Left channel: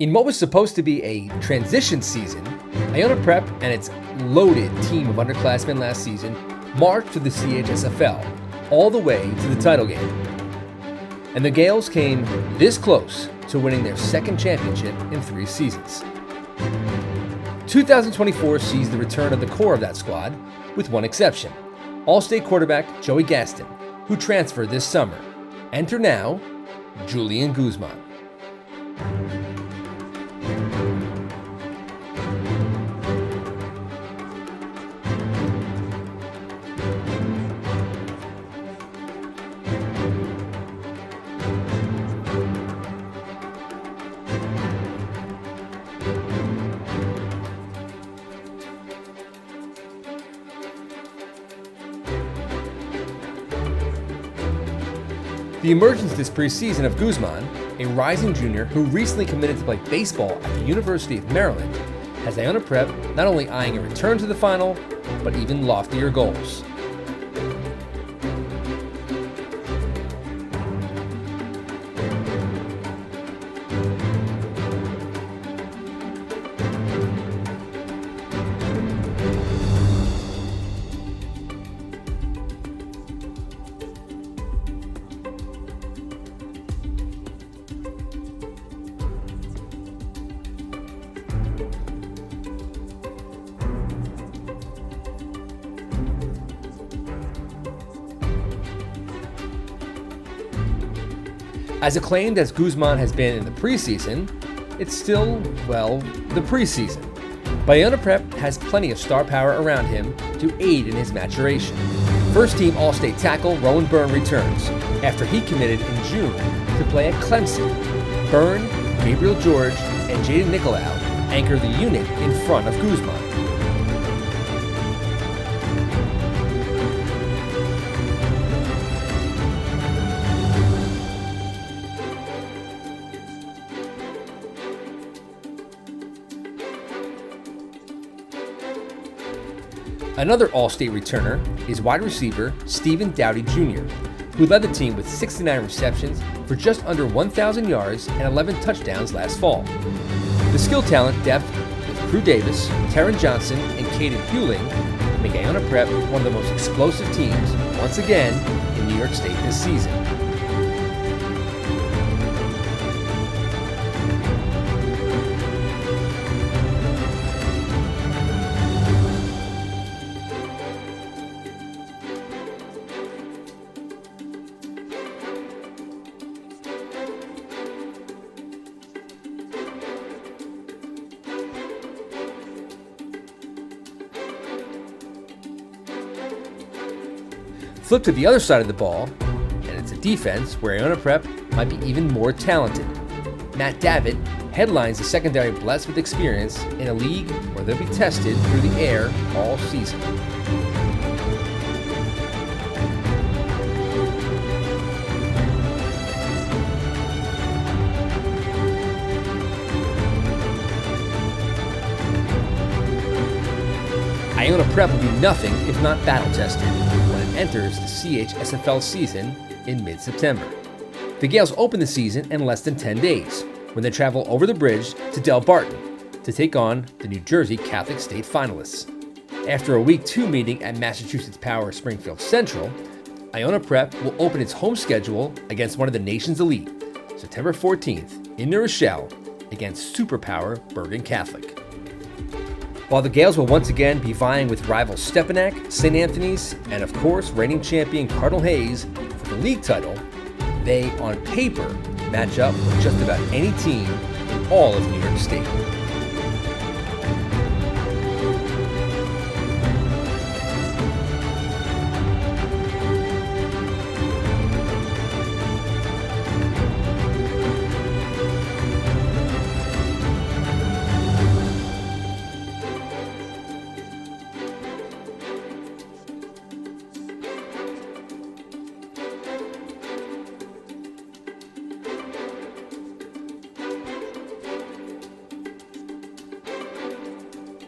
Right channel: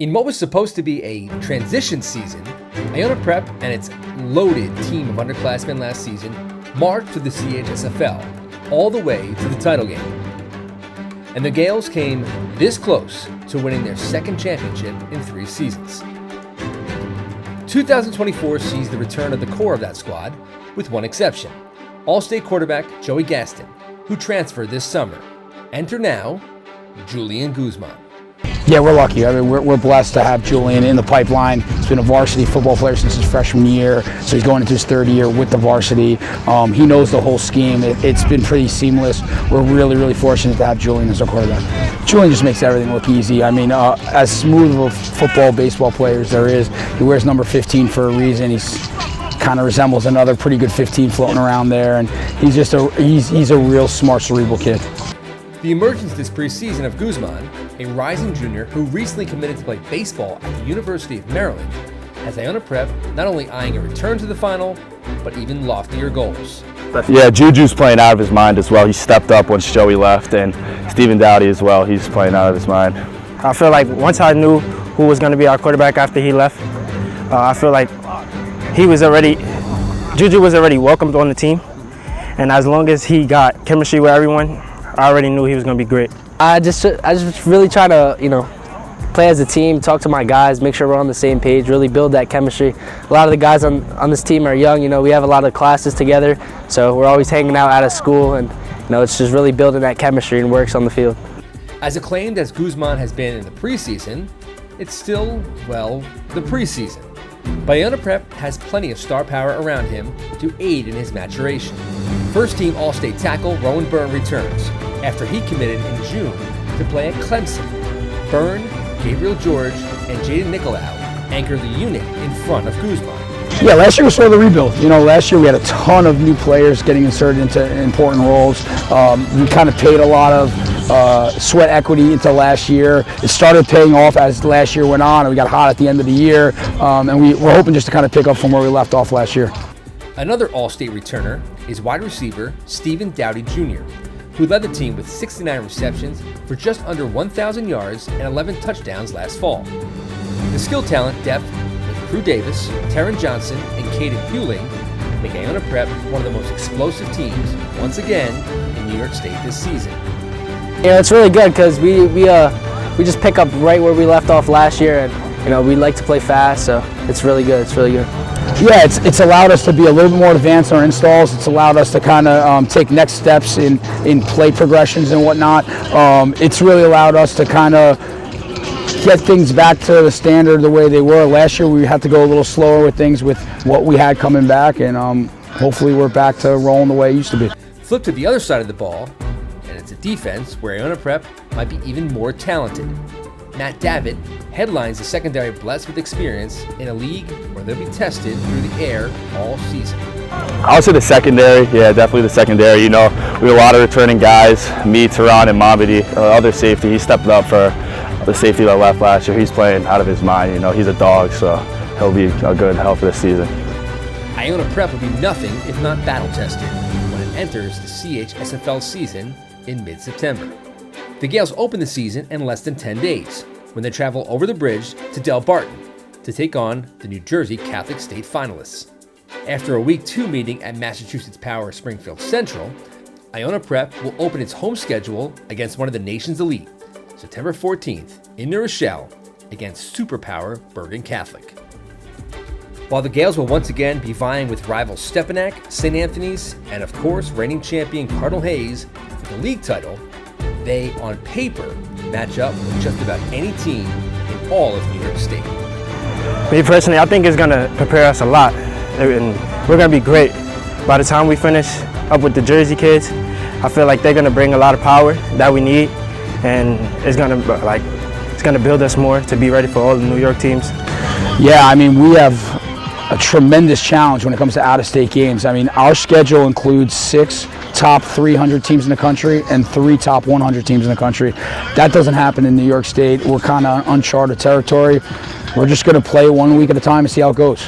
In what was supposed to be a transition season, Iona Prep and its loaded team of underclassmen last season marched to the CHSFL, all the way to the title game. And the Gaels came this close to winning their second championship in 3 seasons. 2024 sees the return of the core of that squad, with one exception: All-State quarterback Joey Gaston, who transferred this summer. Enter now, Julian Guzman. Yeah, we're lucky. I mean, we're blessed to have Julian in the pipeline. He's been a varsity football player since his freshman year, so he's going into his 3rd year with the varsity. He knows the whole scheme. It's been pretty seamless. We're really, really fortunate to have Julian as our quarterback. Julian just makes everything look easy. I mean, as smooth of a football, baseball player as there is, he wears number 15 for a reason. He's kind of resembles another pretty good 15 floating around there, and he's just he's a real smart, cerebral kid. The emergence this preseason of Guzman, a rising junior who recently committed to play baseball at the University of Maryland, has Iona Prep not only eyeing a return to the final, but even loftier goals. Yeah, Juju's playing out of his mind as well. He stepped up once Joey left, and Stephen Dowdy as well. He's playing out of his mind. I feel like once I knew who was going to be our quarterback after he left, I feel like Juju was already welcomed on the team, and as long as he got chemistry with everyone, I already knew he was going to be great. I just really try to, play as a team, talk to my guys, make sure we're on the same page, really build that chemistry. A lot of the guys on this team are young. We have a lot of classes together, so we're always hanging out of school, and it's just really building that chemistry and works on the field. As acclaimed as Guzman has been in the preseason, it's still, the preseason. But Iona Prep has plenty of star power around him to aid in his maturation. First-team All-State tackle Rowan Byrne returns after he committed in June to play at Clemson. Byrne, Gabriel George, and Jaden Nicolau anchor the unit in front of Guzman. Yeah, last year was sort of the rebuild. Last year we had a ton of new players getting inserted into important roles. We kind of paid a lot of sweat equity into last year. It started paying off as last year went on, and we got hot at the end of the year. And we're hoping just to kind of pick up from where we left off last year. Another All-State returner is wide receiver Stephen Dowdy Jr., who led the team with 69 receptions for just under 1,000 yards and 11 touchdowns last fall. The skill talent depth with Crew Davis, Taryn Johnson, and Caden Hewling make Iona Prep one of the most explosive teams, once again, in New York State this season. Yeah, it's really good because we just pick up right where we left off last year, and we like to play fast, so it's really good. It's really good. Yeah, it's allowed us to be a little bit more advanced in our installs. It's allowed us to kind of take next steps in play progressions and whatnot. It's really allowed us to kind of get things back to the standard the way they were. Last year we had to go a little slower with things with what we had coming back, and hopefully we're back to rolling the way it used to be. Flip to the other side of the ball, and it's a defense where Iona Prep might be even more talented. Matt Davitt headlines the secondary blessed with experience in a league where they'll be tested through the air all season. I would say the secondary, yeah, definitely the secondary. We have a lot of returning guys, me, Tehran, and Mamadi, other safety. He stepped up for the safety that left last year. He's playing out of his mind. He's a dog, so he'll be a good help for this season. Iona Prep will be nothing if not battle tested when it enters the CHSFL season in mid-September. The Gaels open the season in less than 10 days when they travel over the bridge to Delbarton to take on the New Jersey Catholic State finalists. After a Week 2 meeting at Massachusetts Power Springfield Central, Iona Prep will open its home schedule against one of the nation's elite, September 14th in New Rochelle against superpower Bergen Catholic. While the Gaels will once again be vying with rivals Stepanak, St. Anthony's, and of course reigning champion Cardinal Hayes for the league title, they, on paper, match up with just about any team in all of New York State. Me personally, I think it's going to prepare us a lot, and we're going to be great. By the time we finish up with the Jersey kids, I feel like they're going to bring a lot of power that we need, and it's going to build us more to be ready for all the New York teams. Yeah, we have a tremendous challenge when it comes to out-of-state games. Our schedule includes 6 top 300 teams in the country and 3 top 100 teams in the country. That doesn't happen in New York State. We're kind of uncharted territory. We're just going to play 1 week at a time and see how it goes.